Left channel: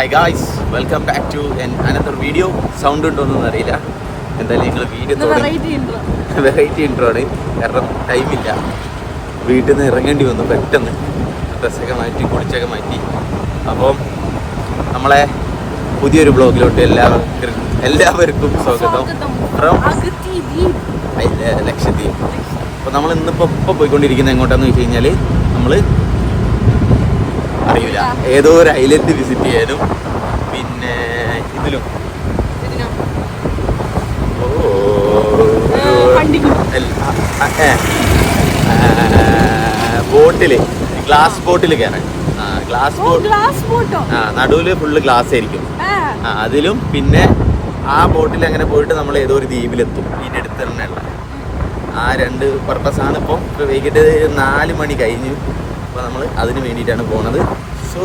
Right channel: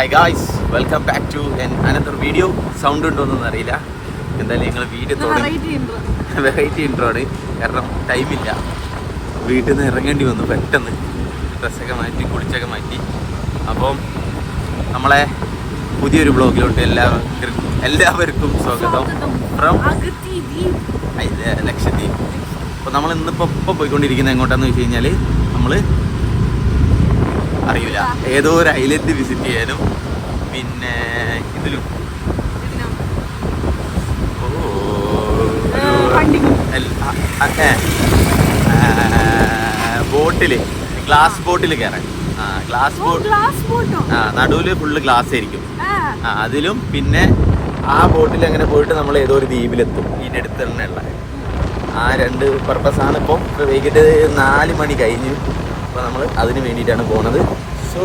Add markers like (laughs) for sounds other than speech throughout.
Hi guys welcome back to another video sound ഉണ്ടോന്നൊന്നും അറിയില്ല. എന്തായാലും ഞങ്ങൾ വീഡിയോ തുടങ്ങി. വെറൈറ്റി ഇൻട്രോ ആണ്. കാരണം ടൈമില്ല വീട്ടിൽ നിന്ന് ഇറങ്ങേണ്ടി വന്നു പെട്ടെന്ന്. ഡ്രസ്സൊക്കെ മാറ്റി കുളിച്ചൊക്കെ മാറ്റി. അപ്പം നമ്മളെ പുതിയൊരു ബ്ലോഗിലോട്ട് എല്ലാവർക്കും എല്ലാവർക്കും സ്വാഗതം. ഫ്രം ലക്ഷദ്വീപ്. അപ്പോൾ നമ്മൾ ഇന്നിപ്പോൾ ഇപ്പോൾ പോയിക്കൊണ്ടിരിക്കുന്നത് എങ്ങോട്ടാന്ന് വെച്ച് കഴിഞ്ഞാൽ നമ്മൾ അറിയില്ല. ഏതോ ഒരു ഐലൻഡ് വിസിറ്റ് ചെയ്യാനും പിന്നെ ഇതിലും. ഓ ബോട്ടിൽ ഗ്ലാസ് ബോട്ടിൽ കയറാൻ. ആ ഗ്ലാസ് ബോട്ട് ആ നടുവിൽ ഫുള്ള് ഗ്ലാസ് ആയിരിക്കും. ആ. അതിലും പിന്നെ ആ ബോട്ടിൽ അങ്ങനെ പോയിട്ട് നമ്മൾ ഏതോ ഒരു ദ്വീപിലെത്തും. ഇതിന്റെ അടുത്ത് തന്നെയുള്ള ആ രണ്ട് പർപ്പസ് ആണ് ഇപ്പോൾ ഇപ്പോൾ വൈകിട്ട് നാല് മണി കഴിഞ്ഞു. അപ്പോൾ നമ്മൾ അതിന് വേണ്ടിയിട്ടാണ് പോണത്. So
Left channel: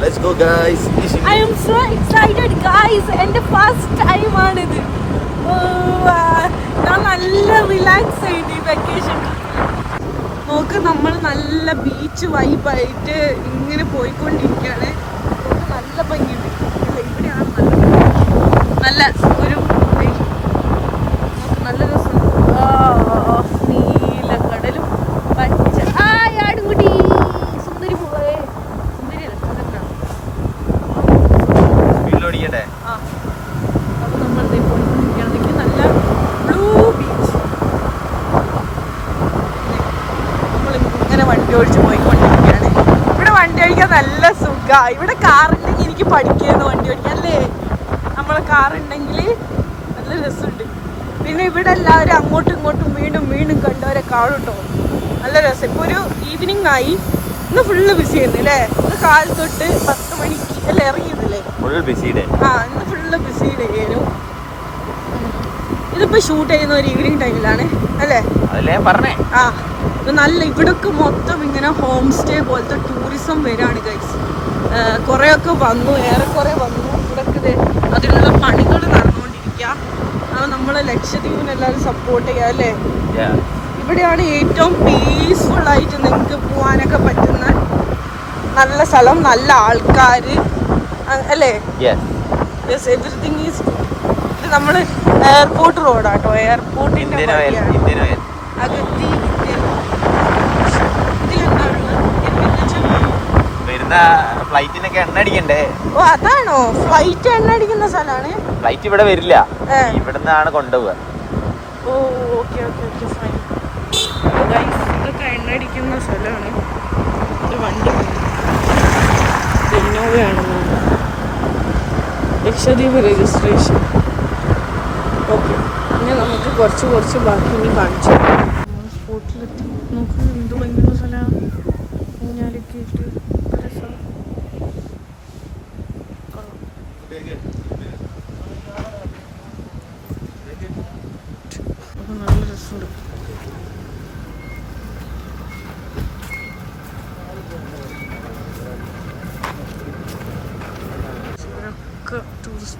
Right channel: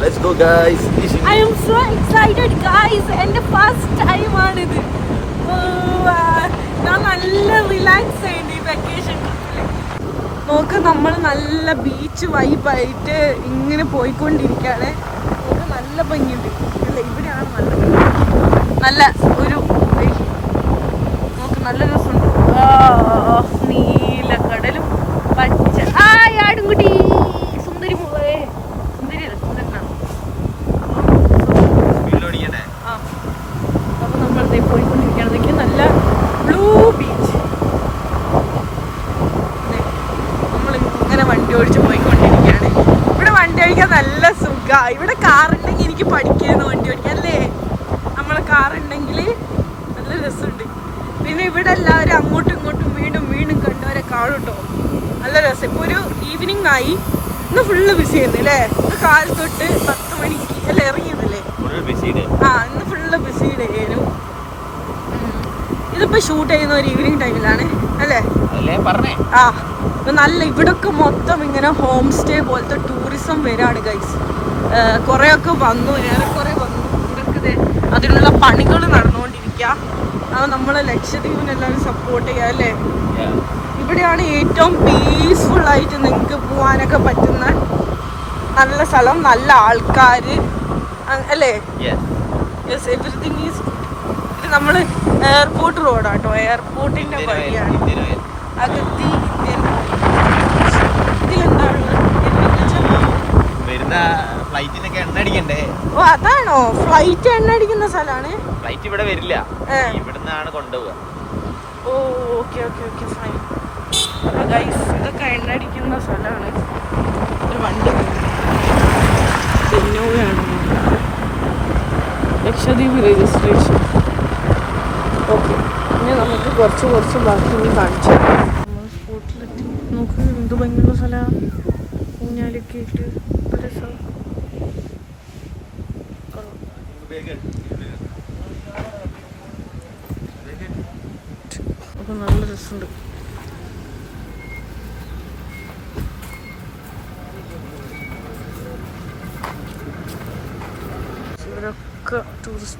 let's go guys I am so excited guys എന്റെ ഫസ്റ്റ് ടൈം ആണ് ഇത് ഞാൻ നല്ല റിലാക്സ് ചെയ്യുന്നു ഈ വെക്കേഷൻ നോക്ക് നമ്മൾ നല്ല ബീച്ച് വൈബായിട്ട് ഇങ്ങനെ പോയിക്കൊണ്ടിരിക്കുകയാണ്. നോക്ക് നല്ല ഭംഗിയുണ്ട്. അല്ല ഇവിടെയാണ് നല്ല നല്ല ഒരു നോക്ക് നല്ല ആ, നീല കടലും പച്ച ആ ആടുംകുട്ടി സുന്ദരി മോളെ സുന്ദരി അല്ല സുന്ദരനാണ് വീട്ടിലോടിക്കട്ടെ ആ അപ്പൊ നമ്മൾ ദേ പോയിക്കൊണ്ടിരിക്കുകയാണെങ്കിൽ നല്ല ബ്ലൂ ബീച്ച് നമ്മൾ ഇങ്ങനെ വണ്ടി ഓടിച്ച് പോയിക്കൊണ്ടിരിക്കുകയാണ് ഇവിടെ വണ്ടി ഓടിക്കാൻ സുഖ ഇവിടെ കാറുണ്ടെങ്കിൽ എനിക്ക് പഠിക്കുന്നു വണ്ടി ഓടിക്കല്ലേ അല്ലേ നമ്മളെ കാറുണ്ടെങ്കിൽ നല്ല രസമുണ്ട്. പിന്നെ ഇവിടെ എല്ലാവരും അങ്ങോട്ടും ഇങ്ങോട്ടും വീണ്ടും വീണ്ടും കണ്ടവരെ കാണുട്ടോ. നല്ല രസം. ഇപ്പൊ ഒരു ഈവനിങ് ആയി. ഇന്ന് ഫുള്ള് ബിസി ആയിരുന്നു അല്ലേ? ഇന്ന് കാൽ തൊട്ട് പത്ത് മണി അല്ലേ ഇറങ്ങിയതല്ലേ? ആ ഇന്ന് ഫുള്ള് ബിസി ഡേനു ഇതിപ്പോ ഷൂട്ട് ചെയ്യുന്ന ഒരു ഈവനിങ് ടൈമിലാണ് അല്ലേ? ആ. നല്ല ഇവിടൊക്കെ മൊത്തം ഇങ്ങനെ ഹോം സ്റ്റേ പോലത്തെ ടൂറിസം വരാണ് ഗൈസ് കുറേയൊക്കെ വന്നു. ഏറെക്കുറെ വന്നു. ഇവിടെ അതിനുള്ള പണികൾ നടന്നുകൊണ്ടിരിക്കുക ആ നമ്മളെ ലക്ഷദ്വീപിന് എല്ലാവരും സപ്പോർട്ട് ചെയ്യുക അല്ലേ? ഇവിടെയാണ് ഏറ്റവും പീസ്ഫുൾ ആയിട്ട് നിങ്ങൾക്ക് പോകാനൊക്കെ പറ്റുന്ന നല്ല സ്ഥലം നല്ല ആൾക്കാർ അല്ലേ? യെസ് എവറിത്തിങ് ഈസ് ഇത് നമ്മൾ എയർപോർട്ട് റോഡാട്ടോ എയർപോർട്ടിന്റെ വഴിയാണ്. ഇന്ത്യൻ ഇതിലെന്താണ് വരുന്ന ഓ അതാണോ? ഫ്ലൈറ്റ് എണ്ണ അടിക്കുന്ന സ്ഥലമാണ്? ഫ്ലൈറ്റ് ഇവിടെ വരില്ല. ഇവിടുന്നാണ് കൊണ്ടുപോവുക. Oh okay okay okay fine അപ്പോൾ ഗൈസ് ഇതൊക്കെ എണ്ണ അടിക്കുന്ന സ്ഥലമാണ്. ഒരു വണ്ടി ഇന്നോവയാണ് ലക്ഷദ്വീപ് രജിസ്ട്രേഷൻ ഓക്കെ. ഇനി നമുക്ക് കുറച്ച് കുറച്ച് ബാക്കി കാണിച്ചു നമ്മൾ സ്പോട്ടിലെത്തി നോക്ക് എന്ത് ഭംഗിയുള്ള സ്ഥലമാണ്. ഊഞ്ഞാലൊക്കെ ഇട്ട് എന്ത് രസം അപ്പോൾ നല്ല രസമുണ്ട് ഇവരൊക്കെ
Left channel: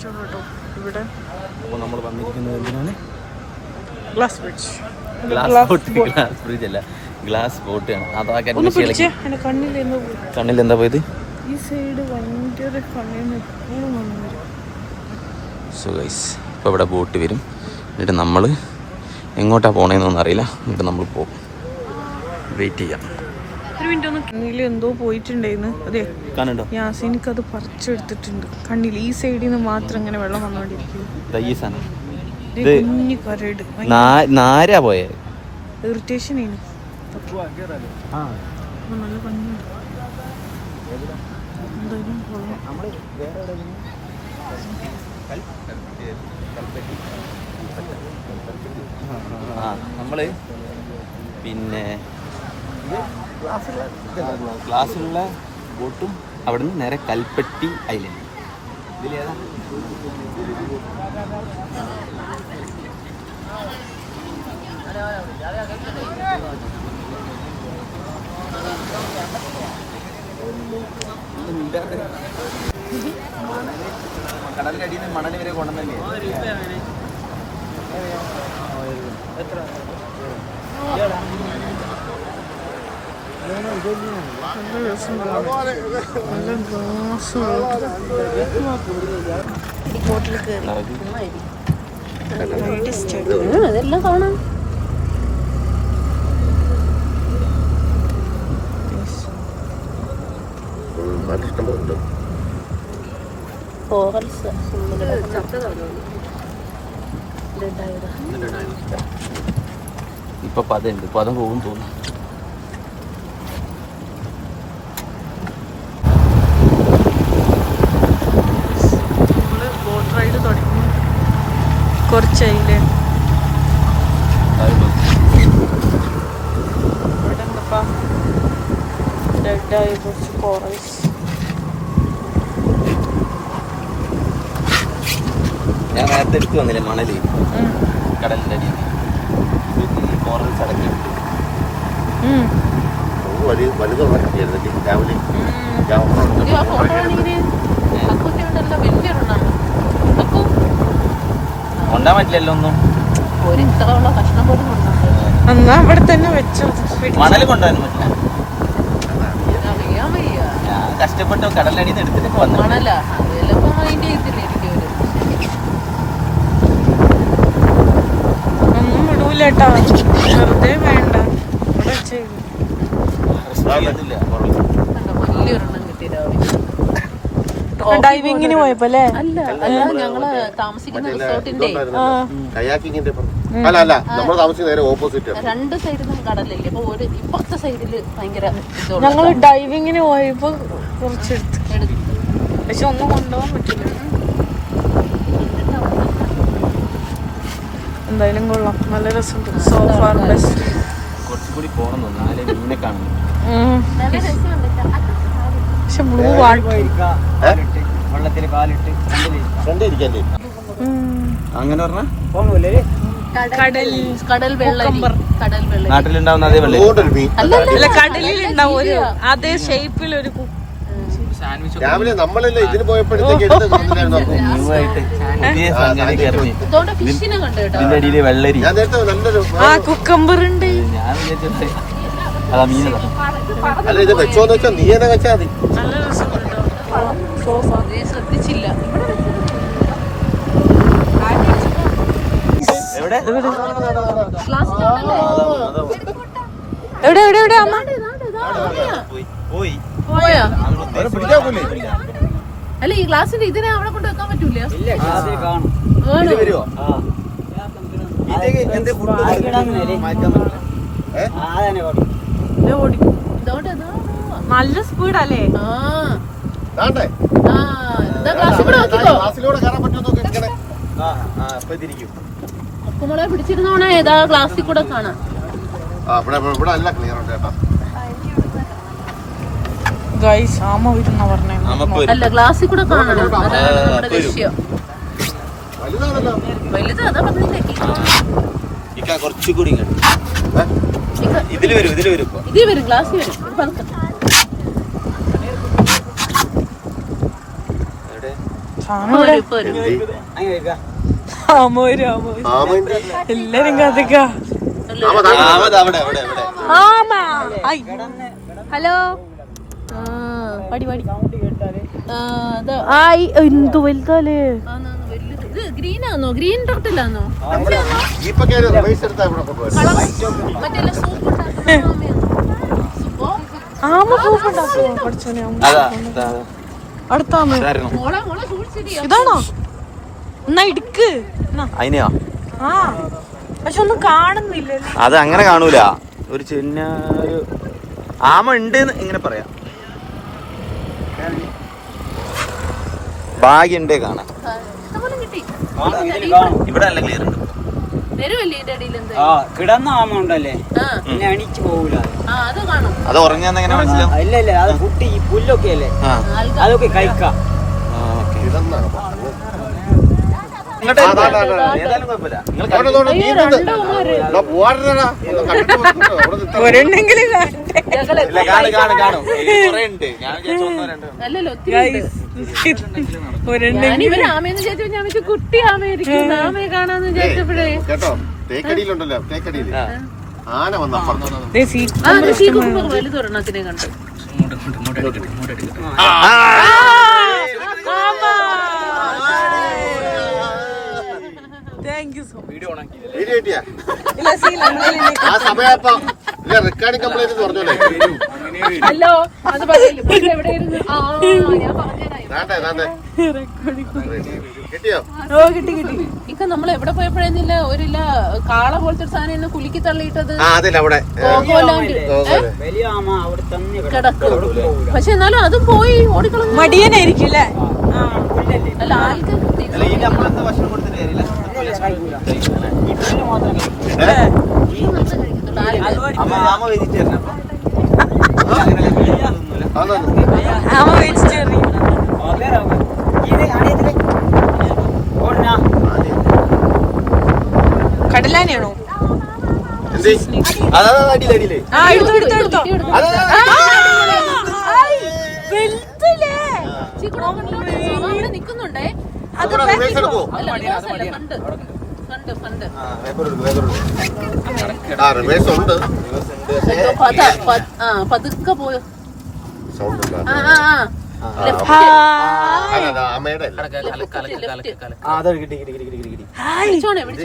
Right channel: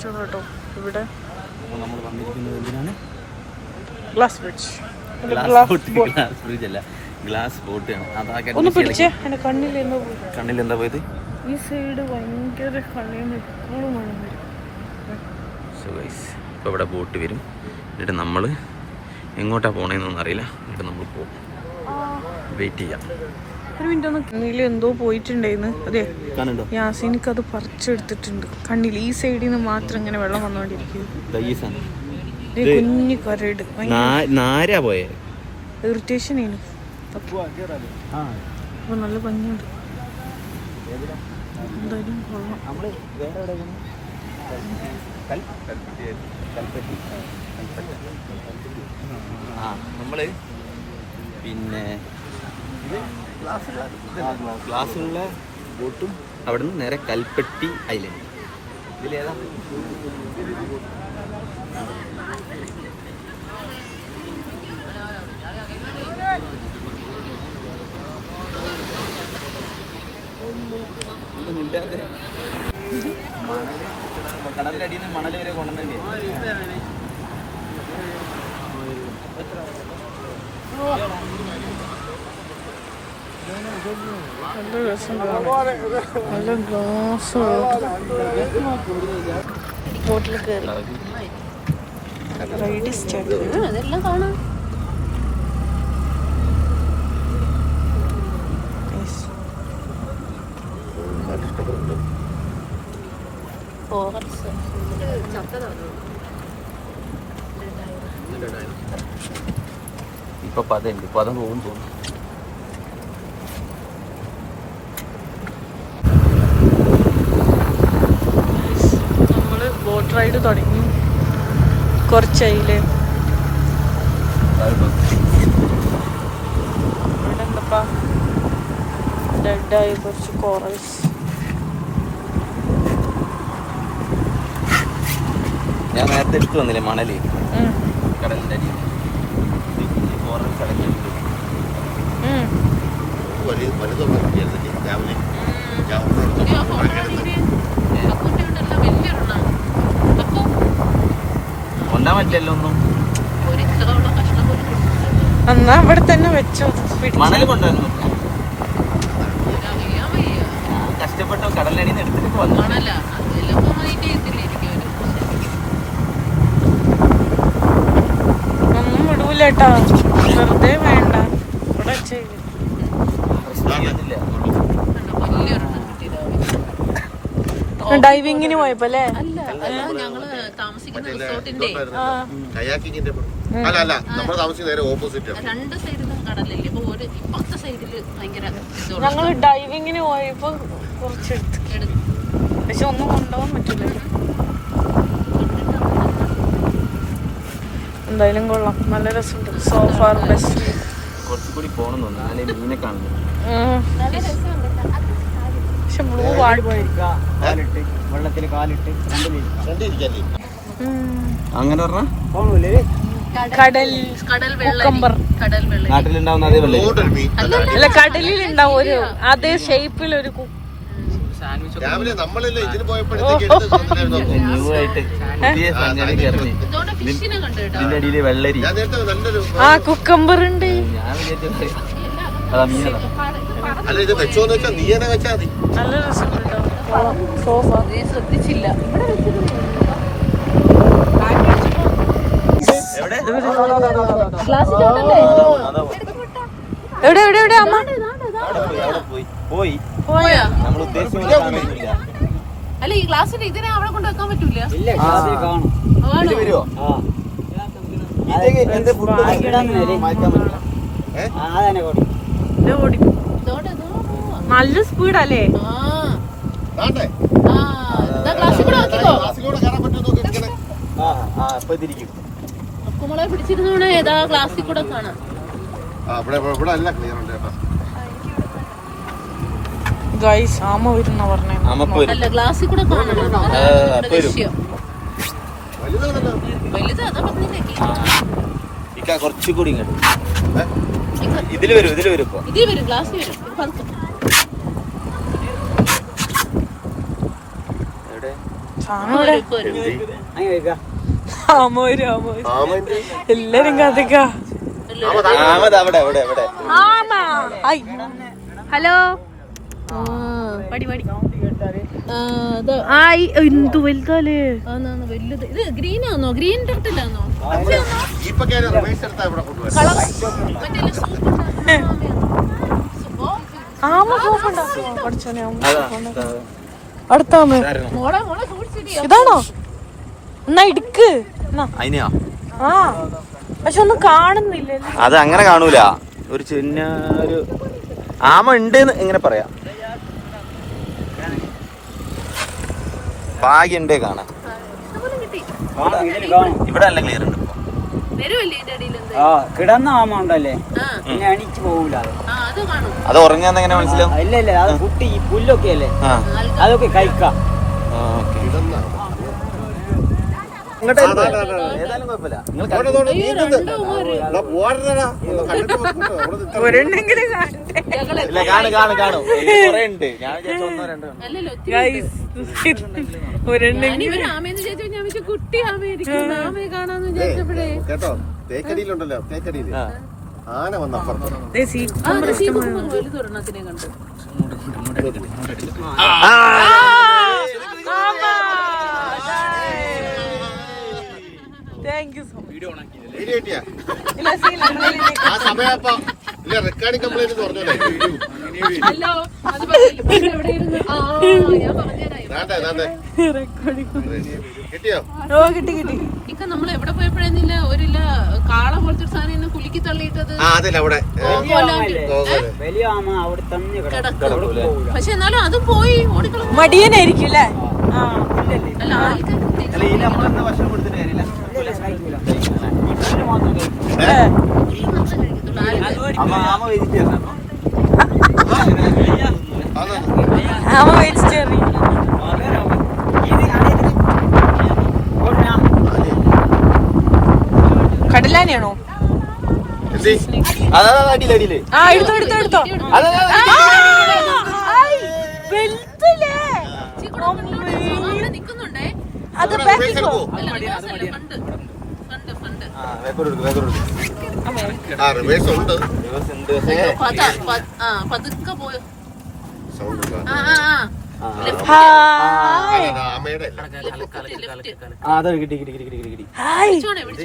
ടൂറിസ്റ്റുകൾ കേട്ടോ. ഇവിടെ അപ്പോൾ നമ്മൾ വന്നിരിക്കുന്നത് എന്തിനാണ്? Glass bridge glass boat glass bridge അല്ല. ഗ്ലാസ് ബോട്ടാണ് അതാ ഒന്ന് പിടിച്ചേ. എന്റെ കണ്ണിൽ എന്തോ പോയി. കണ്ണിൽ എന്താ പോയത്? ഈ സൈഡ് ഭയങ്കര എപ്പോഴും സോ ഗൈസ് ഇപ്പോൾ ഇവിടെ ബോട്ട് വരും. എന്നിട്ട് നമ്മൾ എങ്ങോട്ടാ പോണേന്നൊന്നും അറിയില്ല. എന്നിട്ട് നമ്മൾ പോകും വെയിറ്റ് ചെയ്യാം. ഒരു മിനിറ്റ് ഒന്ന് കണ്ണിൽ എന്തോ പോയിട്ടുണ്ടായിരുന്നു അതെ. യാസീനിക്ക് അത് പറിച്ചെടുത്തിട്ടുണ്ട്. കണ്ണിൽ ഈ സൈഡിൽ നിന്ന് മാത്രം ഇങ്ങനെ വെള്ളം വന്നോണ്ടിരിക്കും ഈ സാധനം. ദേ ഇത് കുഞ്ഞു കരട്. നാരാ പോയേ? ഇറിറ്റേഷൻ ആണ്. അപ്പൊ നല്ല ഭംഗിയുണ്ട്. എന്തായാലും കൊള്ളാം. നമ്മൾ പിന്നെ ക്ലാസ്സിലുള്ള ബോട്ടും അവിടുന്ന് നേരെ കൽപ്പട്ടി ഐലൻഡ് ഇതിലേതാ? മണൽ. കടലിന്റെ അടിയിൽ നിന്ന് മണൽ വരെ കൊണ്ടുവന്നല്ലേ? നല്ല രസമുണ്ട് കാണാൻ. നല്ല ഗ്ലാസ് ബോട്ടിൽ കയറി. റൈഡ് സ്റ്റാർട്ട് അതെല്ലാം കാണാം. ഇപ്പൊ പതുണ്ട് പതം പോകും തോന്നുന്നു നമ്മൾ ബോട്ട് റൈഡ് തുടങ്ങി കുറച്ചായില്ലേ ഇവിടെ എന്തപ്പാ ഡെഡായി കുറച്ച് കോറൽസ് ഞാൻ നേരത്തെ എടുത്തു വന്നില്ലേ മണൽ? കടലിന്റെ അടിയിൽ. കോറൽസ് അടക്കി വലിയ വലുതൊന്നും രാവിലെ അക്കുട്ടിയുണ്ടല്ലോ വലിയൊരെണ്ണം അക്കു കൊണ്ടാൻ പറ്റില്ലല്ലോ ഒന്നും ഒരു ഇത്രയുള്ള കഷ്ണം പോലും കൊണ്ടുണ്ട് എന്നാ ഇവിടെ തന്നെ വെച്ചോ മണൽ കൊണ്ടുവരാൻ പറ്റില്ല. കഷ്ടപ്പെട്ട് കടലടിയിൽ നിന്ന് എടുത്തിട്ട് കിട്ടിയത് ഒന്നും വിടൂലേട്ടാ വെറുതെ വേണ്ട. ഇവിടെ ചെയ്തു ഡൈവിങ്ങിന് പോയപ്പോ അല്ലേ? ഞങ്ങൾ താമസിക്കുന്ന റിസോർട്ടിന്റെ. കയാക്കിങ്ങിന്റെ അല്ല അല്ല നമ്മൾ താമസിക്കുന്ന നേരെ ഓപ്പോസിറ്റ്. രണ്ട് സൈഡിലും കടലില്ലേ? അപ്പൊ ഒരു സൈഡിൽ ഭയങ്കര ഞങ്ങൾ ഡൈവിങ്ങിന് പോയപ്പോ കുറച്ചെടുത്ത്. പക്ഷെ ഒന്നും കൊണ്ടുപോകാൻ പറ്റില്ല. എന്തായാലും കൊള്ളാം. നല്ല രസമുണ്ട്. സോഫാർ ബെസ്റ്റ് കുറച്ചുകൂടി പോകണം തോന്നുന്നു. മീനെ കാണുന്നു പക്ഷെ ബ്ലൂ അങ്ങനെ കടൽ കടൽ കുക്കമ്പർ വെള്ളം കടൽ വെള്ളം നാട്ടിലുണ്ടാവുന്ന അതേ വെള്ളം അല്ല കടലിൽ ഉണ്ടാവും ഒരു അതേ ഷേപ്പിൽ ഒരു രാവിലെ നമ്മളല്ലേ ഇതിന് പോയപ്പോഴത്തേക്ക് വെള്ളരി. ഞാൻ നേരത്തെ നല്ലൊരു ആ കുക്കമ്പർ ഉണ്ട്. ഞാൻ അതാ മീനെ അല്ല ഇത് വെച്ചോന്ന് വെച്ചാൽ നീ തന്നെ വെച്ചാൽ മതി നല്ല കേട്ടോ സോഫ ശ്രദ്ധിച്ചില്ല എവിടെ എവിടെ എവിടെ അമ്മ പോയി പോയാ അല്ല ഈ ഗ്ലാസ്സിന്റെ ഇതിനെ അവിടെ കൊണ്ട് വെക്കാൻ പറ്റൂല മാറ്റാൻ പറ്റില്ല ഇതോടെ എന്നാ? നല്ല സ്പീഡല്ലേ പിടിച്ചിരുന്നോണേ ഏതാ കൂടെ കാണാം. ഗൈസ് ആമ വരുന്ന പറഞ്ഞേ. അല്ല ഗ്ലാസ്സിൽ കൂടെ കാണണം. അതാണ് നമ്മുടെ ലക്ഷ്യം. വലുതാണല്ലോ. വലുത് അതാ പറഞ്ഞില്ലേ? കുറച്ചുകൂടി ഇങ്ങോട്ട്. ഇതിൽ വരും ഇതിൽ വരും ഇപ്പൊ. ഇതിൽ വരും ഗ്ലാസ്സിൽ വരും. എല്ലാരും കഥക്ക. ആമത് അവിടെ അവിടെ അവിടെ. ആമ. Hi hello? ആ പടി പടി. ആ, ഇത് ആയി എന്തു വലുതാലേ? ഇത് ഗ്രീൻ ആണോ ടർട്ടിലാണോ ആമ ഉണ്ടാക്കുമോ പഠിച്ചോനെ. അടുത്ത ആമ ഇതാണോ? എന്നാ ഇടുക്ക്. അതിനെയോ ആ. പക്ഷെ ഒന്നും കാണുന്നില്ല. അത് അങ്ങനെ കാണൂല. ഒരു ചിന്ന ഒരു ആമ ഉണ്ട് ഇങ്ങനെ പറയാ. ഭാഗ്യണ്ടേ കാണാം. ഇവിടെ നല്ല ക്ലിയർ ഉണ്ട് കിടന്ന ആമ ഉണ്ടല്ലേ? എണീച്ച് പോകൂല. അത് കാണും. അത് ഉറങ്ങാന്ന് എങ്ങനെ മനസ്സിലാവും? ഇല്ല ഇല്ല അത് കുട്ടി ഈ പുല്ലൊക്കെ അല്ലേ? അതൊക്കെ കഴിക്കാം. ഒരെണ്ണെങ്കിലും ഒരെണ്ണെങ്കിലും. കുട്ടി ആമയായിരിക്കും. ആമയെ കാണാന്ന് ഏയ്, വിചാരിച്ചപ്പോഴേ കേട്ടോ തേക്കടിയിലുണ്ടല്ലോ തേക്കടിയിൽ. ആന വന്ന അപ്പുറത്ത് താങ്ക് യു സോ മച്ച് ഇല്ല സീ നമ്മളെ ആ സമയപ്പ ഇല്ല റെക്കോർഡിംഗ് കംപ്ലൈന്റ് പറഞ്ഞോളെ. ഹലോ അത് പറയില്ല. പക്ഷെ ഓ കിട്ടി കിട്ടി. ഇക്ക നമ്മൾ എവിടെ പോയപ്പോഴെന്നില്ല ഒരു കാള പോലത്തെ ഒരു സാധനം എന്നെ കുലുക്കി തള്ളിയിട്ടത്? ആ അതില്ല അവിടെ കോലാണ്ടി വലിയ ആമ അവിടെ തന്നെ കിടക്കും. പക്ഷെ എന്നാലും അത് പോയി ഓടിക്കളഞ്ഞു. മടിയനായിരിക്കും അല്ലേ? ആ അല്ല ഇത് അല്ല ഇനി നമ്മളെന്ത് ഭക്ഷണം കൊടുത്തിട്ട് കാര്യമില്ല വീട്ടിൽ മാത്രം കഴിക്കും ഏ. ഈ നല്ല കഴിക്കത്തുള്ളൂ. ആ ഇത്. അമ്മ ആമ വെജിറ്റേറിയൻ അപ്പൊ അങ്ങനെ തിന്നൂല ആമ വെജിറ്റേറിയൻ കടലാനയാണോ? ആ എടുത്തോ എടുത്തോ എടുത്തോ. അത് ബാക്കിക്കോ? പതുക്കെ പോയോ. ആ ആ.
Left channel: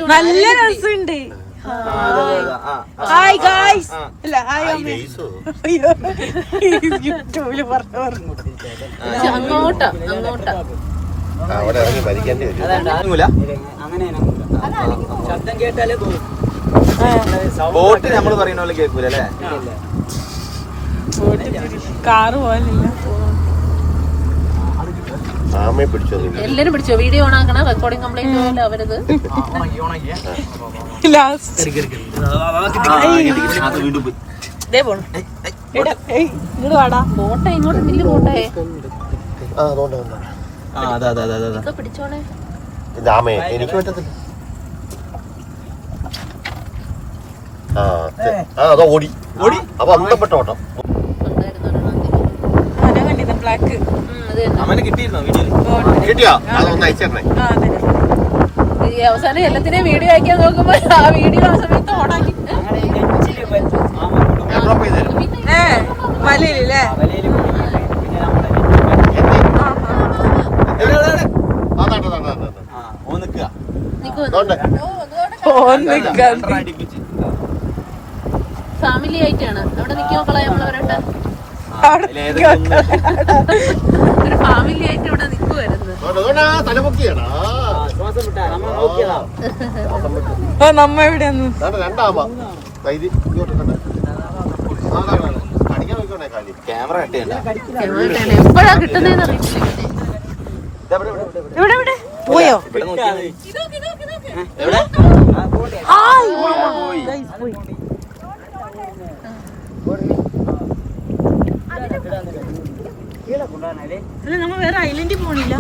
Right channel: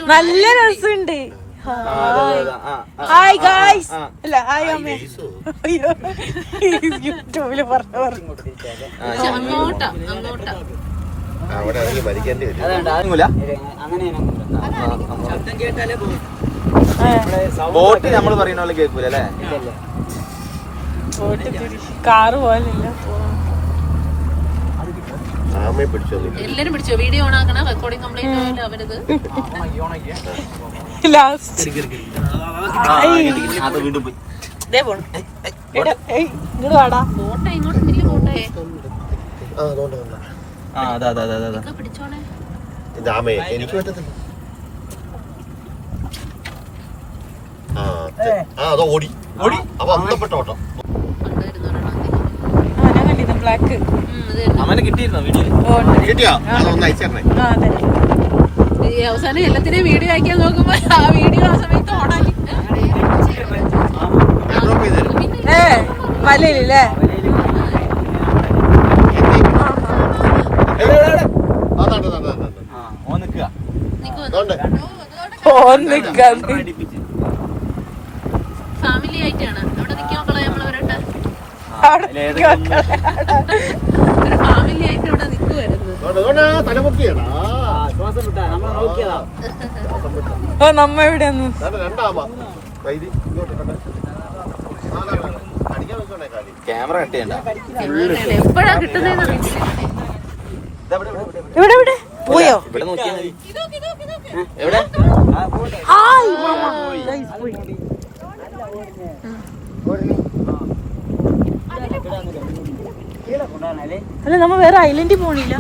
നല്ല രസമുണ്ട് ഹായ് ഹായ് ഗായ്സ് അല്ല ഹായ് അമ്മേ യൂട്യൂബിൽ പറഞ്ഞു പറഞ്ഞു അങ്ങോട്ടാ അവിടെ ഇറങ്ങി എല്ലാരും പിടിച്ചോ വീഡിയോ ഓൺ ആക്കണം റെക്കോർഡിംഗ് കംപ്ലൈന്റ് ആയാലും അവരത് ലാസ്റ്റ് എടാ ഇങ്ങോട്ട് അതാ ഇതൊക്കെ പിടിച്ചോണേ എനിക്ക് പറ്റത്തില്ല ആ ആ അതോ ഓടി ഓടി അപ്പൊ അന്തപ്പെട്ട ഓട്ടം ഉണ്ടായിരുന്നു ഒരെണ്ണം. ആ ഞാൻ കണ്ടിരുന്നു ബ്ലാക്ക് ഉം, അത് തന്നെ. അമ്മനെ കിട്ടിയിരുന്നോ വീഡിയോയിൽ ഓ ഉണ്ട്. കിട്ടിയോ അതൊന്ന് അയച്ചേരണേ ആ അതെ ഈ അവസാനം എല്ലാത്തിനെയും വീഡിയോ അയക്കാൻ നോക്കുമ്പോ ആ വീഡിയോ ആ സമയത്ത് ഓണാക്കി ഏ മലയിലല്ലേ ഫാമിലി ആയിട്ടാണ് അവിടെ നിൽക്കാൻ മക്കളെ നമ്മൾ ഓ നമ്മ എവിടെയാന്ന് ക്യാമറ എപ്പോഴാ അറിയത്തില്ല ഇവിടെ ഇവിടെ പോയോ ഹായ് മാമ പോയി അല്ല നമ്മ വേറെ ഐലൻഡിൽ പോണില്ല.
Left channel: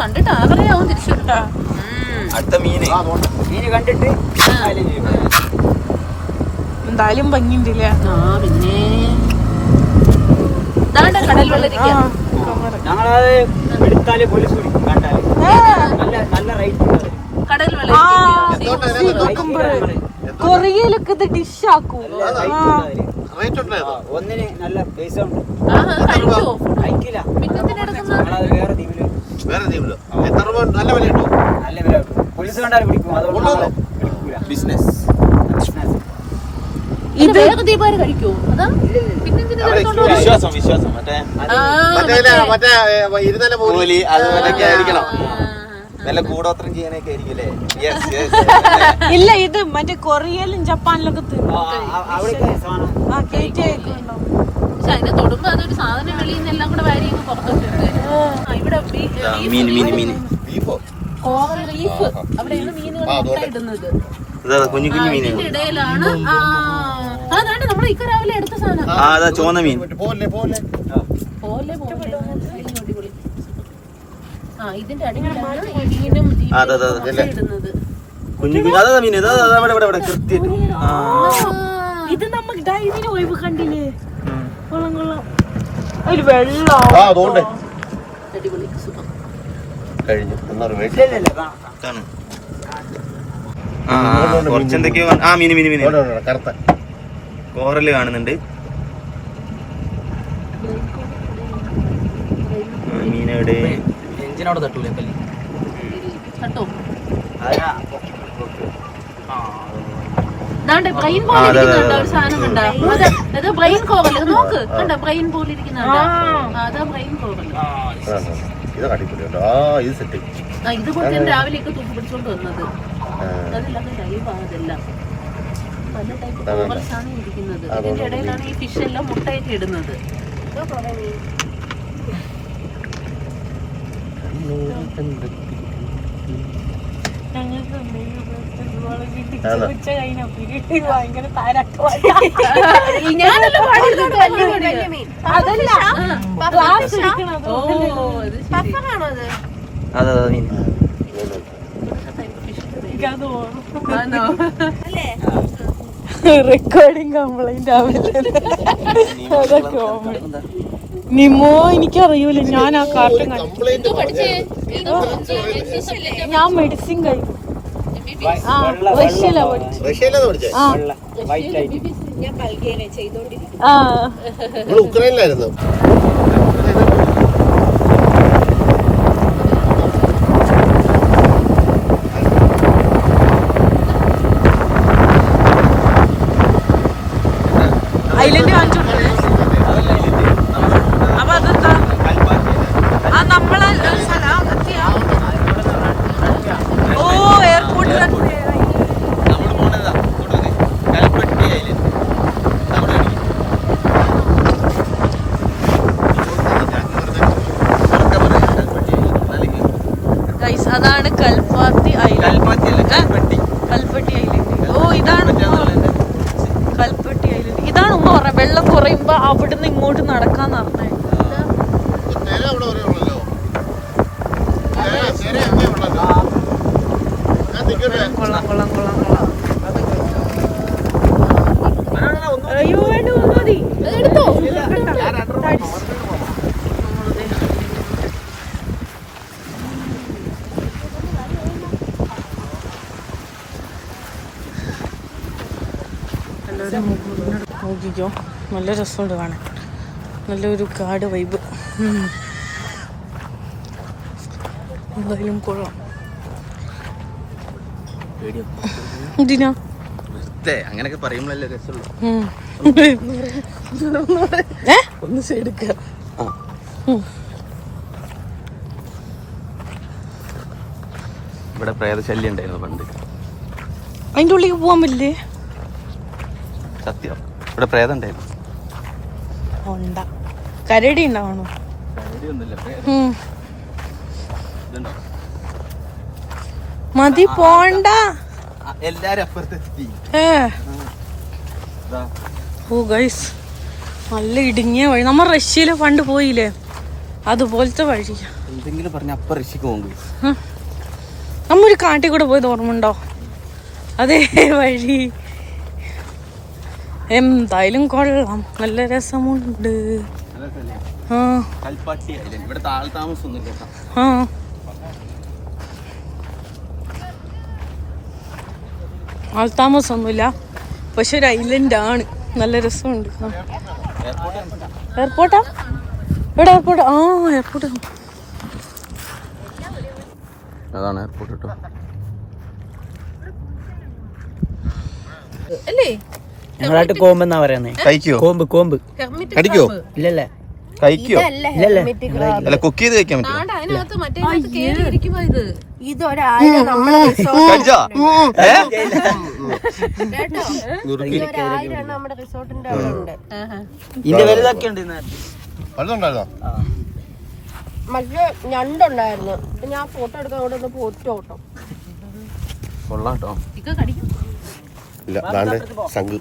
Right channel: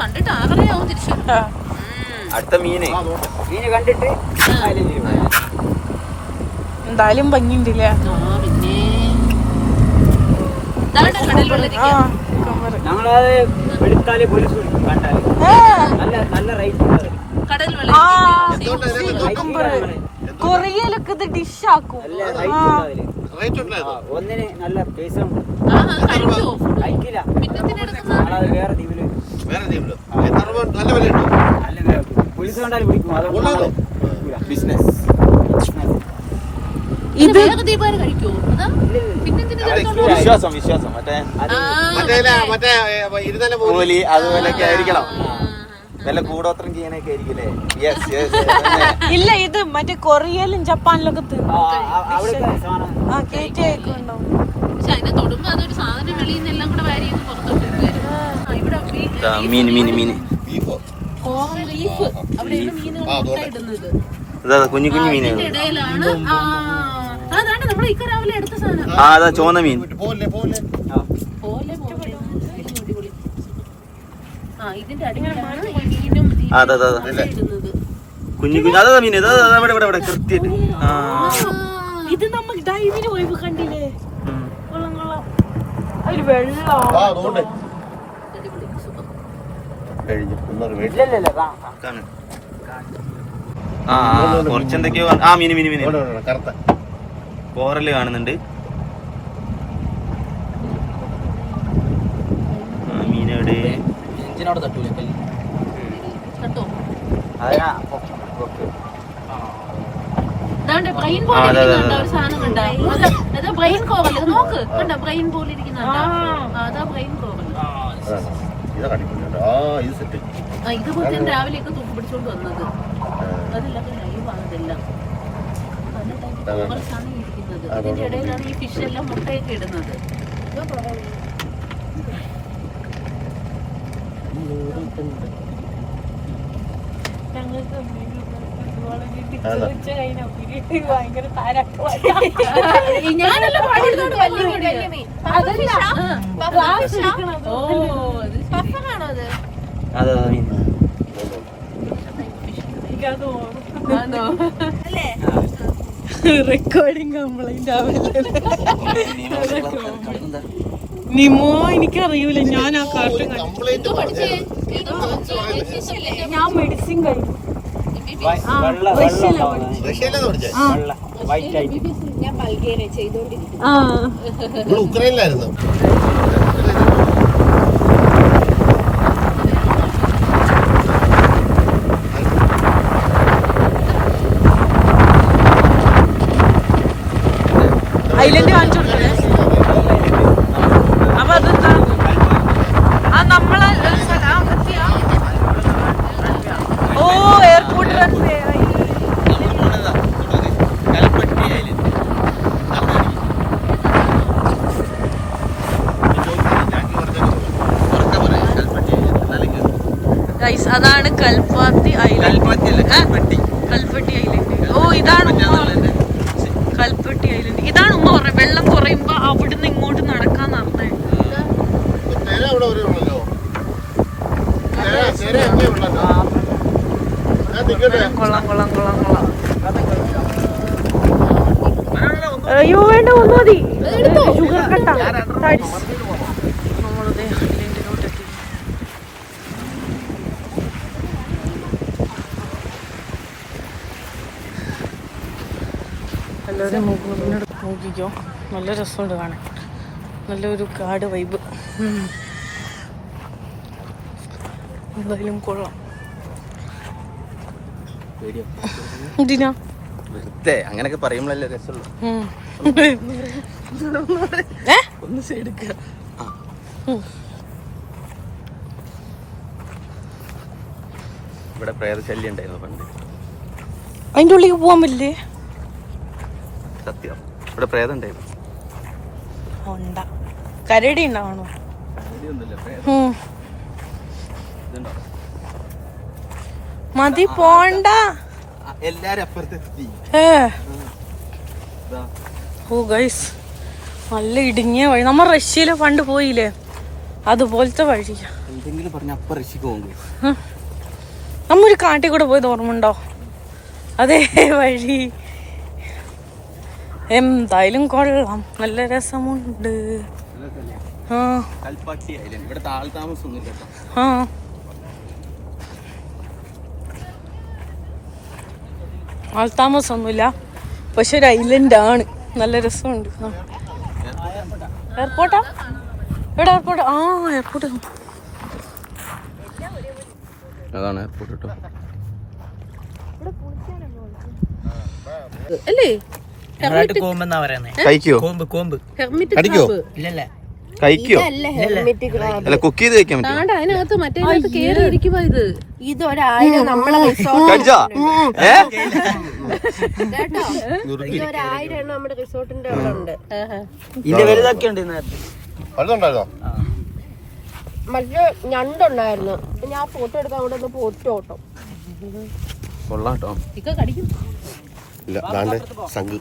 കണ്ടിട്ട് ആറരയാവും തിരിച്ചു. അടുത്ത മീന്. മീനെ കണ്ടിട്ട്. എന്തായാലും ഇരിക്കുക. ഞങ്ങളത് എടുത്താൽ പോലീസ് പിടിക്കും കണ്ടാൽ. നല്ല റേറ്റ്. കൊറിയയിലൊക്കെ ഇത് ഡിഷ് ആക്കും. ആ. റേറ്റ് ഉണ്ടായിരുന്നു ഒന്നിന് നല്ല പൈസ ഉണ്ട് അത്? അയക്കില്ല? ഞങ്ങളത് വേറെ ദ്വീപിൽ വേറെ ദ്വീപിലോ എത്ര രൂപ നല്ല വിലയുണ്ടോ? നല്ല വില. പോലീസ് കണ്ടാലും പിടിക്കും. അതുകൊണ്ട്. ബിസിനസ്. ഇത് അതാ? വിശ്വാസം വിശ്വാസം. മറ്റേ മറ്റേ ഇരുന്നാലും പോലും അതുപോലൊക്കെ ആയിരിക്കണം. നല്ല കൂടോത്രം ചെയ്യാനൊക്കെ ആയിരിക്കില്ലേ ഇല്ല ഇത് മറ്റേ കൊറിയയിലും ജപ്പാനിലും ഒക്കെ ആ, കേറ്റി മീൻ മീൻ മീൻ അതാ കുഞ്ഞു കുഞ്ഞു മീനുകൾ ഇടയിലാണ് ആ അതാണ് നമ്മൾ ഇക്ക എടുത്ത സാധനം ആ അതാ ചോന്ന മീൻ പോലെ പോലെ പോലെ പോലെ അടിപൊളി ആ ഇതിന്റെ അടിയിലാണ് ഈ മീനും ഈ ആ, അതെ, അതെ, അതെ. മുട്ടയിടുന്നത് കുഞ്ഞു കുഞ്ഞു അതാ മീൻ അതാ അതാ, ഇവിടെ ഇവിടെ ഇവിടെ കൃത്യമായിട്ട്. ഇത് നമ്മൾ ഡൈവിന് പോയി കണ്ടില്ലേ. ഒരു വെള്ളം ആ അതുകൊണ്ട്. അടിപൊളി സുഖം കഴിഞ്ഞു. കാണാം. ആ കുറച്ചെന്തൊക്കെയോ ആ മീന് മീന് മീന്. കറുത്ത. കോറൽ കാണുന്നുണ്ട്. ആ, മീനെവിടെ. എഞ്ചിനോട് തട്ടൂലേ? കല്ലി കേട്ടോ അതിനാ ബ്രെയിൻ പോലെ. സാധനം കണ്ടോ. അത് ബ്രെയിൻ കോവൽ നോക്ക്. കണ്ടോ? ബ്രെയിൻ പോലെ ഇരിക്കുന്നുണ്ടോ ആ, അതാ ബ്രെയിൻ കോവൽ. ഇത് കടിക്കുന്നുണ്ട് ഇത് സെറ്റ് രാവിലെയൊക്കെ തൂക്കി പിടിച്ചോണ്ട് ലൈവ് അതെല്ലാം ഇരിക്കുന്നത്. ഇടയിലാണ് ഈ ഫിഷ് എല്ലാം മുട്ടായിട്ട് ഇടുന്നത് ഞാനല്ല പാടിയിരുന്നത് വലിയ മീൻ. അതല്ല ഗ്ലാസ് ഓ, ഇത് ശരി. അതെ. മീൻ? റെക്കോർഡിങ് കംപ്ലൈന്റ് ആവില്ല നിമോ എനിക്കറിയൂല. ഞാൻ ആ കാർട്ടൺ ഞാൻ മെഡിസിൻ കഴിഞ്ഞു. ആ റഷ്യയിലാ ആ. (laughs) (laughs) ഉക്രൈനിലായിരുന്നു ഐലൻഡ് കാണിച്ചു കൊടുക്കണേ അപ്പൊ അതെന്താ ആ നമ്മളെ ഒരു സ്ഥലം ആ, കത്തിയാ? ഓ എയർപോർട്ട് അതാണ് കൽപ്പാത്തി ഐലൻഡ്. കൽപ്പട്ടി ഐലൻഡ് ഓ ഇതാണ് ഉമ്മ. കൽപ്പട്ടി ഐലൻഡ്. ഇതാണ് ഉമ്മ പറഞ്ഞത്. വെള്ളം കുറയുമ്പോ അവിടുന്ന് ഇങ്ങോട്ട് നടക്കാൻ പറഞ്ഞേ കൊള്ളാം കൊള്ളാം കൊള്ളാം കൊള്ളാം. അയ്യോ വേണ്ട ഒന്ന് മതി. ഷുഗർ കട്ട. നമ്മളിത് എല്ലാവരും മുകളിനോട് നോക്കിക്കോ നല്ല രസമുണ്ട് കാണാൻ. നല്ലൊരു കാട് വൈബ് എന്തായാലും കൊള്ളാം. എന്തിനാ? പറയുമ്പോഴല്ലേ രസമുള്ളൂ? ഒന്ന് ഇവിടെ പ്രേതശല്യം ഉണ്ടായിരുന്നു പണ്ട്. അതിന്റെ ഉള്ളിൽ പോവാൻ പറ്റില്ലേ? ഇവിടെ പ്രേതം ഉണ്ടായിരുന്നു ഉണ്ട കരടി ഉണ്ടാവണോ? മതി പോണ്ട. എല്ലാരും അപ്പുറത്തെത്തി ഓ ഗൈസ് നല്ല ഇടുങ്ങിയ വഴി. നമ്മ റഷ്യയിൽ പണ്ട് പോയില്ലേ? അതുപോലത്തെ വഴി എന്തെങ്കിലും പറഞ്ഞ അപ്പ ഋഷിക്ക് പോകും നമ്മ ഒരു കാട്ടിൽ കൂടെ പോയത് ഓർമ്മയുണ്ടോ അതേ വഴി. എന്തായാലും കൊള്ളാം. നല്ല രസമുണ്ട്. ആ. കൽപ്പാട്ടി ഐലൻഡ് ഇവിടെ താൾ താമസം ഒന്നുമില്ല ആ. പക്ഷെ ഒരു ഐലൻഡ് ആണ്. നല്ല രസമുണ്ട്. എയർപോർട്ടാ എവിടെ എയർപോർട്ട് ആ എയർപോർട്ട് അതാണ് എയർപോർട്ട് കേട്ടോ. അല്ലേ? നിങ്ങളായിട്ട് കോമ്പെന്നാ പറയുന്നേ? കഴിക്കോ? കോമ്പ് കോമ്പ്. കടിക്കോ ഇല്ലല്ല. കഴിക്കോ? ഇല്ലല്ലേ. അല്ല കുക്ക് ചെയ്ത് വെക്കാൻ ഇതിന്റെ വലുതൊക്കെ ഉണ്ട് അടുത്തുണ്ടായിരുന്നോ മറ്റേ ഞണ്ടുണ്ടായിരുന്നു. ഞാൻ ഫോട്ടോ എടുക്കാൻ അവിടെ ഒന്ന് കൊള്ളാട്ടോ കടിക്കും. ഇല്ല ദാണ്ടെ സംഘ്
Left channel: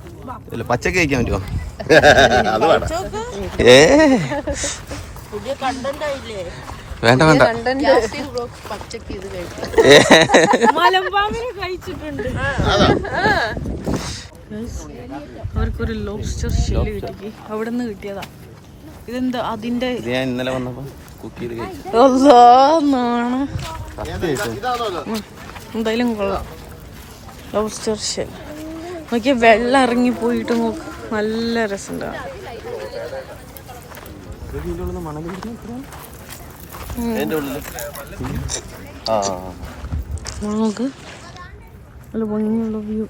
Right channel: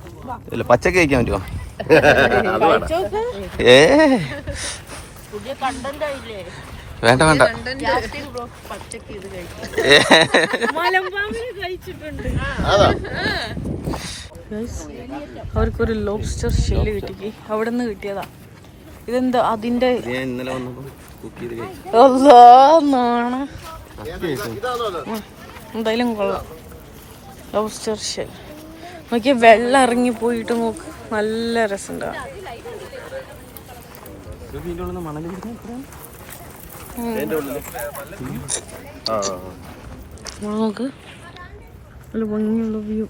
ഇല്ല പച്ചക്ക് കഴിക്കാൻ പറ്റുമോ? (laughs) അത് വേണ്ട. ഏ. കണ്ടന്റ് ആയില്ലേ? വേണ്ട വേണ്ട. അവർക്കൊരു ലോബ്സ്റ്റർ ഷെല്ല് കിട്ടി അവിടെ നിന്ന് കിട്ടിയതാ. ഇതെന്താ അതിന്റെ ഞാൻ ഇന്നലെ വന്നപ്പോ കുക്ക് ചെയ്ത് കഴിച്ചു. അല്ലാ നാണ. സത്യമായിട്ടും എന്തായാലും കൊള്ളാം. ലോബ്സ്റ്റർ ഷെൽ നോക്കിയ വെള്ളം ഇറങ്ങി പോയിട്ട് നോക്ക്. നല്ല ആ നോക്ക്. നല്ല ഭംഗിയുള്ള വ്യൂ.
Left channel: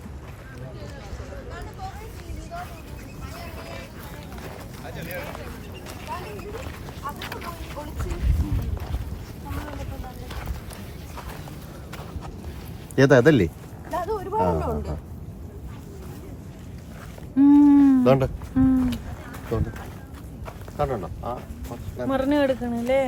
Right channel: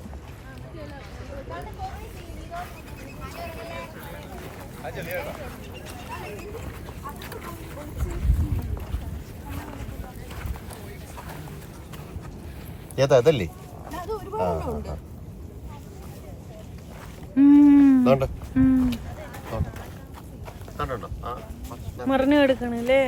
ഏതാ അതല്ലേ? ഉം. ഇതുണ്ട് ഉം. ഇതുണ്ട്. കണ്ടോ ആ മറിഞ്ഞു കിടക്കണല്ലേ?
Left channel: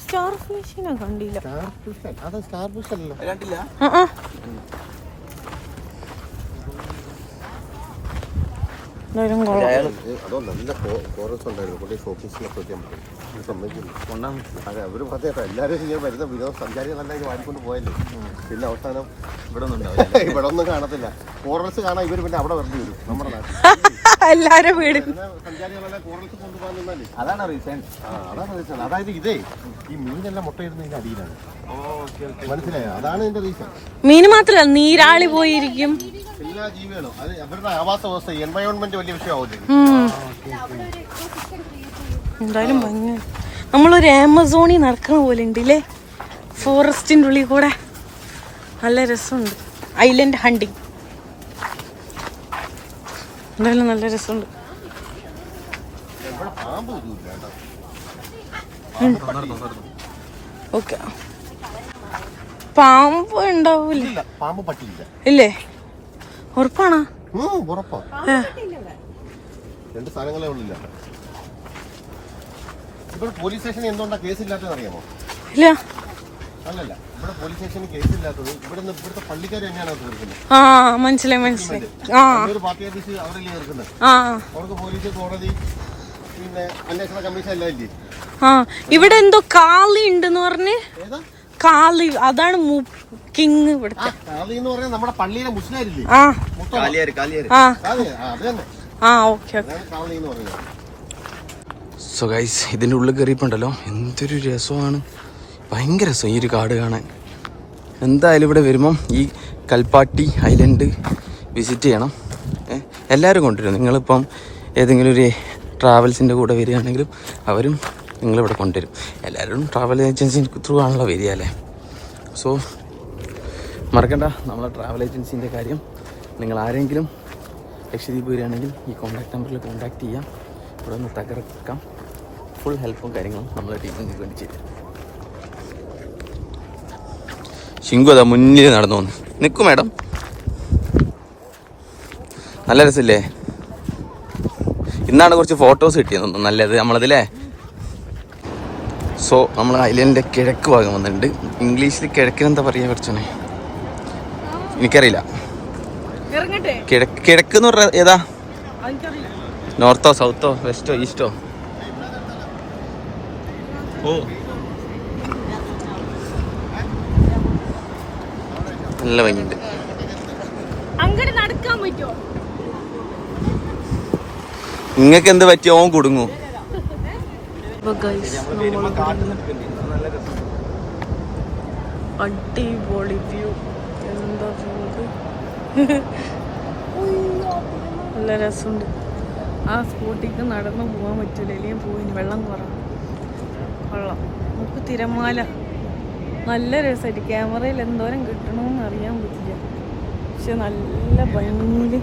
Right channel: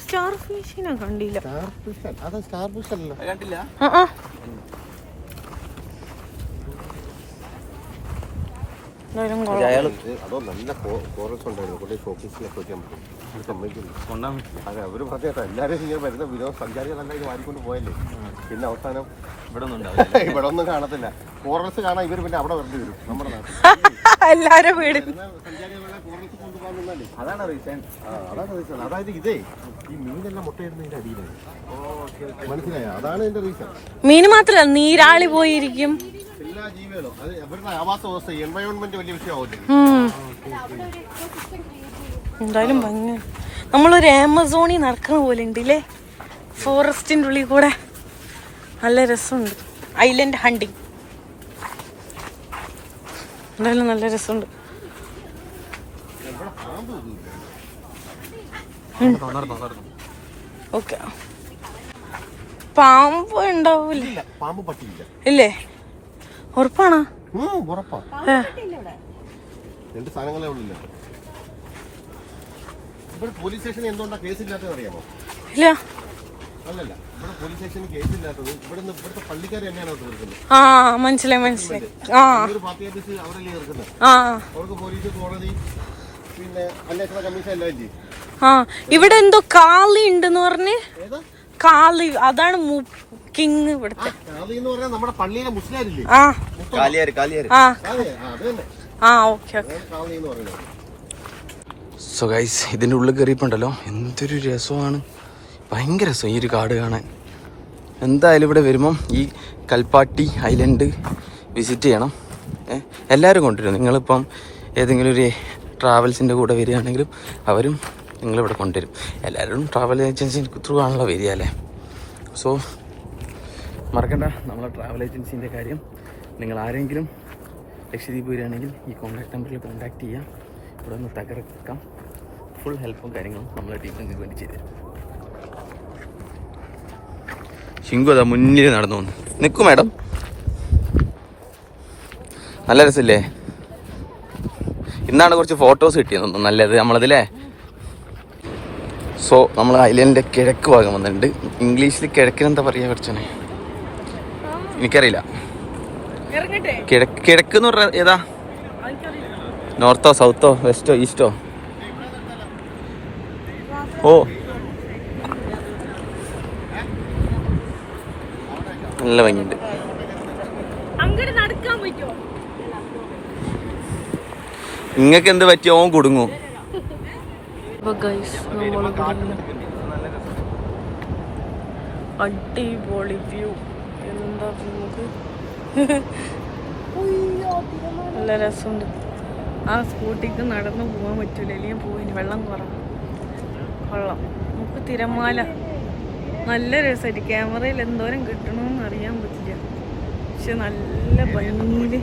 സ്റ്റാർ ഫിഷിനെ കണ്ടില്ല. സ്റ്റാർ ഫിഷ് അത് സ്റ്റാർ ഫിഷ് അല്ല കണ്ടില്ല ആ, ആ. എന്തായാലും കൊള്ളാം അതോ നല്ല ഉണ്ടായിരുന്നു കൊണ്ട് ഫോക്കസിലൊക്കെ വെക്കാൻ പറ്റും സമ്മതിക്കില്ല അതെ അവർ പറഞ്ഞേട്ടോ എല്ലാവരും ഇങ്ങനെ വരുന്ന വിനോദസഞ്ചാരികളെല്ലാം ഇത് വാങ്ങിക്കൊണ്ട് പോയല്ലേ. പിന്നെ അവസാനം ഇവിടെ ഒന്നും (laughs) ഉണ്ടാവില്ല. ഇവിടെ ഒന്നും കാണത്തില്ല. ഫോറൻസ് കാണാൻ ഇവർ പിന്നെ അവിടെ വരും നമ്മുടെ നാട്ടിൽ. (laughs) വീട് സഞ്ചാരികളെല്ലാം കൊണ്ടുപോകാൻ അതാണ് റീസൺ അതാണ് റീസൺ അതായത് ഇതേ ഈ മീനെല്ലാം മുട്ടയിടുന്നതിന്റെ അടിയിലാണ്. മനസ്സിലായോ? അതാണ് ഇതിന്റെ റീസൺ മീന് മാത്രല്ല നീരാളി പോയിരിക്കും. എല്ലാ ജീവികളും അത് അവരുടെ ആവാസ വ്യവസ്ഥ എൻവയോൺമെന്റ്. എന്തായാലും ഭംഗി. നമ്മളൊരു ആമസോണിൽ നടക്കണ പോലെ ഉണ്ട് ഇല്ലേ? ഫോറസ്റ്റിന്റെ ഉള്ളിൽ കൂടെ നല്ല രസമുണ്ട്. Island hunting. എന്തായാലും നല്ല രസമുണ്ട്. ഓക്കെ. പാമ്പ് ഉണ്ടാവൂല. ഇല്ല? ഉറപ്പാണോ? ഉറപ്പാ. രണ്ട് സാധനങ്ങളെ ഉള്ളില്ല. ഇവിടെ പോലീസ് സ്റ്റേഷനിൽ എന്തുകൊണ്ടാ കേസില്ലാത്തത് അറിയാമോ? ഇല്ല. അല്ലല്ല ഇവിടെ പോലീസ് സ്റ്റേഷനിൽ കേസില്ലാത്തത് ഇവിടെ ഇവിടുത്തെ പള്ളിക്കാർ തന്നെയാണ് അത് തീർക്കുന്നത് ആ മനസ്സിലായി മനസ്സിലായി. ആ. ഒരു പാർട്ടി ഓഫീസ് അവരല്ലേ തീർക്കുന്നത് ആ. അവർക്ക് പോലീസ് കോടതി പിന്നെ അന്വേഷണ കമ്മീഷൻ അല്ലേ ആ ഇവിടെ എന്തോ കാളി ഉണ്ടെന്ന് പറഞ്ഞ്. ഏതാ? കാളി അതാണ് കിങ് ഇവിടുത്തെ. കാളി എന്ന് പറഞ്ഞാൽ നമ്മുടെ പള്ളിയിലെ ആ. മുസ്ലിം ആ. അതെ ആ, ഓക്കെ ഓക്കെ. അതാണ് കാളി എന്ന് പറയുന്നത്. സോ ഗൈസ് ഇതിന്റെ ഉള്ളിൽ കയറിയപ്പോണ്ടല്ലോ എന്തൊരു രസമാണ്. ഭയങ്കര രസം ഈ ഒരു കാട് കാണാൻ. എന്തായാലും ഇവിടെ വരുമ്പം ഈ കൽപ്പാട്ടി ഐലൻഡ് വിസിറ്റ് ചെയ്യണം. എല്ലാവരും കൊണ്ടുവരും നിങ്ങളിപ്പം ഏതെങ്കിലും ഒരു ട്രാവൽസിന്റെ കൂടെ വരികയാണെങ്കിലും അവരും നിങ്ങളിവിടെ കൊണ്ടുവരും. എല്ലാവരും ട്രാവൽ ഏജൻസി ത്രൂ ആണല്ലോ വരിക അല്ലേ? സോ മറക്കണ്ട. നമ്മളെ ട്രാവൽ ഏജൻസിന്റെ കാര്യം നിങ്ങൾ ആരെങ്കിലും ലക്ഷദ്വീപ് വരികയാണെങ്കിൽ ഈ കോൺടാക്ട് നമ്പറിൽ കോൺടാക്ട് ചെയ്യാം. ഇവിടെ ഒന്ന് തകർക്കാം. ഫുൾ ഹെൽപ്പും കാര്യങ്ങളും നമ്മളെ ടീം നിങ്ങൾക്ക് വേണ്ടി ചെയ്തു ശിങ്കു അതാ മുന്നിൽ നടന്നു വന്നു. നിൽക്കും മാഡം. നല്ല രസമില്ലേ? ഇന്നാണ് കുറച്ച് ഫോട്ടോസ് കിട്ടിയത്. നല്ലത് നമ്മളതില്ലേ സോ നമ്മൾ ഐലൻഡിന്റെ കിഴക്ക് ഭാഗം വന്നിട്ടുണ്ട്. ഇംഗ്ലീഷിൽ കിഴക്കിനെന്താ പറയുക കുറച്ചാണ് എനിക്കറിയില്ല. കിഴക്ക് കിഴക്ക് എന്ന് പറഞ്ഞാൽ ഏതാ? നോർത്തോ സൗത്തോ വെസ്റ്റോ ഈസ്റ്റോ? ഓ. നല്ല ഭംഗിയുണ്ട്. നിങ്ങൾക്ക് എന്ത് പറ്റിയോ? കുടുങ്ങും. അടിപൊളി വ്യൂ എന്താ വ്യൂ (laughs) നല്ല രസമുണ്ട്. ആ സ്കൂട്ടിക്ക് നടന്നു പോകാൻ പറ്റൂല. അല്ലെങ്കിൽ പോയിന് വെള്ളം കുറവ്. വെള്ളം നമുക്ക് തിരമാല. നല്ല രസമായിട്ട് ക്യാമറയിൽ എന്തോരം കിട്ടണമെന്ന് അറിയാൻ പറ്റില്ല. പക്ഷെ നല്ല ഭംഗിയിൽ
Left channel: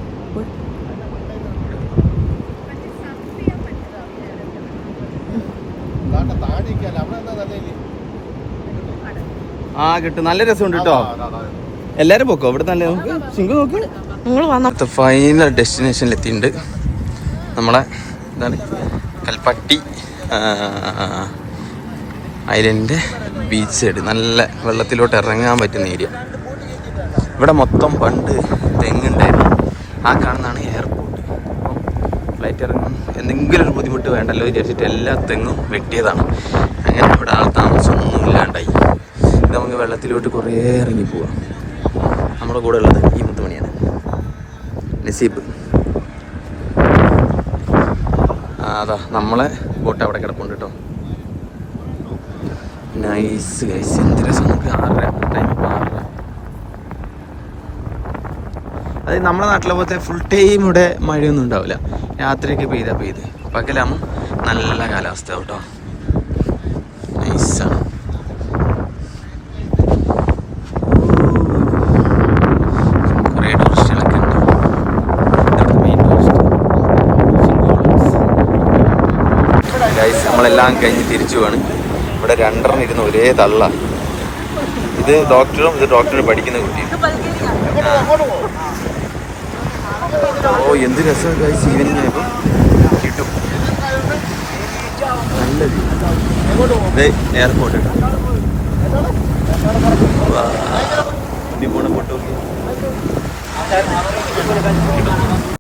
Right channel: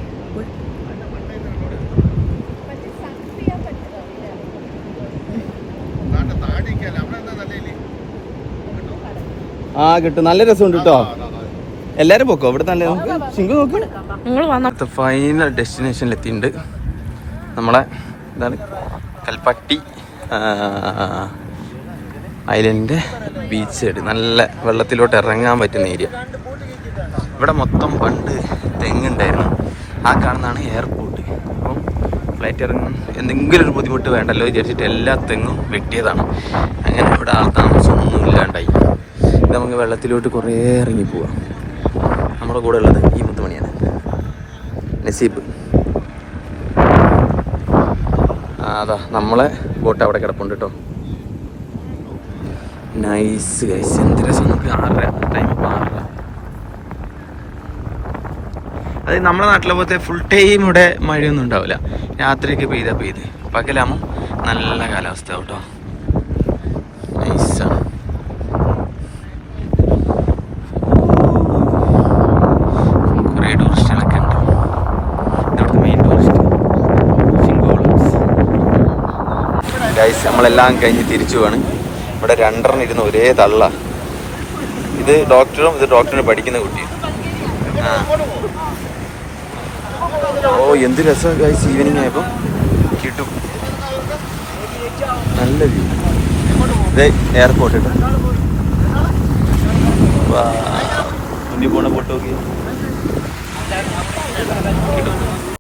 നാട്ടെ താടിക്കല്ല അവിടെ എന്താ നല്ലയില്ലേ ആ കിട്ടും. നല്ല രസമുണ്ട് കേട്ടോ എല്ലാരും പോക്കോ? ഇവിടെ നല്ല ശിങ്കു നോക്ക്. നിങ്ങൾ വന്ന. ഫൈനൽ ഡെസ്റ്റിനേഷനിൽ എത്തിയിട്ടുണ്ട്. നമ്മളെ എന്താണ് കൽപ്പട്ടി ഐലൻഡിന്റെ ബീച്ച് സൈഡ് നല്ല വെള്ളത്തിലോട്ട് ഇറങ്ങാൻ പറ്റുന്ന ഏരിയ ഇവിടെ മൊത്തം പണ്ട് തെങ്ങുണ്ടായിരുന്നു. ആ കാണുന്നതാണ് എയർപോർട്ട് അപ്പം ഫ്ലൈറ്റ് ഇറങ്ങും എന്തെങ്കിലും ഒരു ബുദ്ധിമുട്ട് വേണ്ടല്ലോ വിചാരിച്ചിട്ട് എല്ലാ തെങ്ങും വെട്ടിയതാണ്. അങ്ങനെ ഇവിടെ ആൾ താമസമൊന്നും ഇല്ലാണ്ടായി. നമുക്ക് വെള്ളത്തിലോട്ട് കുറേ ഇറങ്ങി പോവാം. നമ്മുടെ കൂടെ ഉള്ളത് ഈ മുത്തുമണിയാണ് നസീബ്. അതാ നമ്മളെ ബോട്ട് അവിടെ കിടപ്പുണ്ട് കേട്ടോ. നൈസ് ഗൈസ് എന്ത് രസം. നമുക്ക് ആറര ടൈം ഇപ്പോൾ ആറര. അത് നമ്മുടെ നാട്ടിലെ പോലത്തെ ഫുൾ ടൈം ഇവിടെ മഴയൊന്നും ഉണ്ടാവില്ല. രാത്രിയൊക്കെ പെയ്താൽ പെയ്ത്. പകലാകുമ്പോൾ നല്ല കാലാവസ്ഥ കേട്ടോ നൈസാണ് കുറേ ടൂറിസ്റ്റുകളൊക്കെ ഉണ്ട് ഇവിടുത്തെ മെയിൻ ടൂറിസ്റ്റ് ഗൈസ് നമ്മളെല്ലാം കഴിഞ്ഞ് തിരിച്ചു വേണം. ഇവിടെ രണ്ടെണ്ണം ഇരുന്ന് ഒരേ തള്ള. ഇത് ഡോക്ടറും ഇത് ഡോക്ടറിന് പഠിക്കുന്ന കുട്ടിയും ആ. ഓ എന്ത് രസമാണ് കഴിച്ച് ഈവനിങ് ആയപ്പോൾ കിട്ടും. നല്ല ഇത് എയർപോർട്ട് കേട്ടോ പോണ നോക്കി കിട്ടും.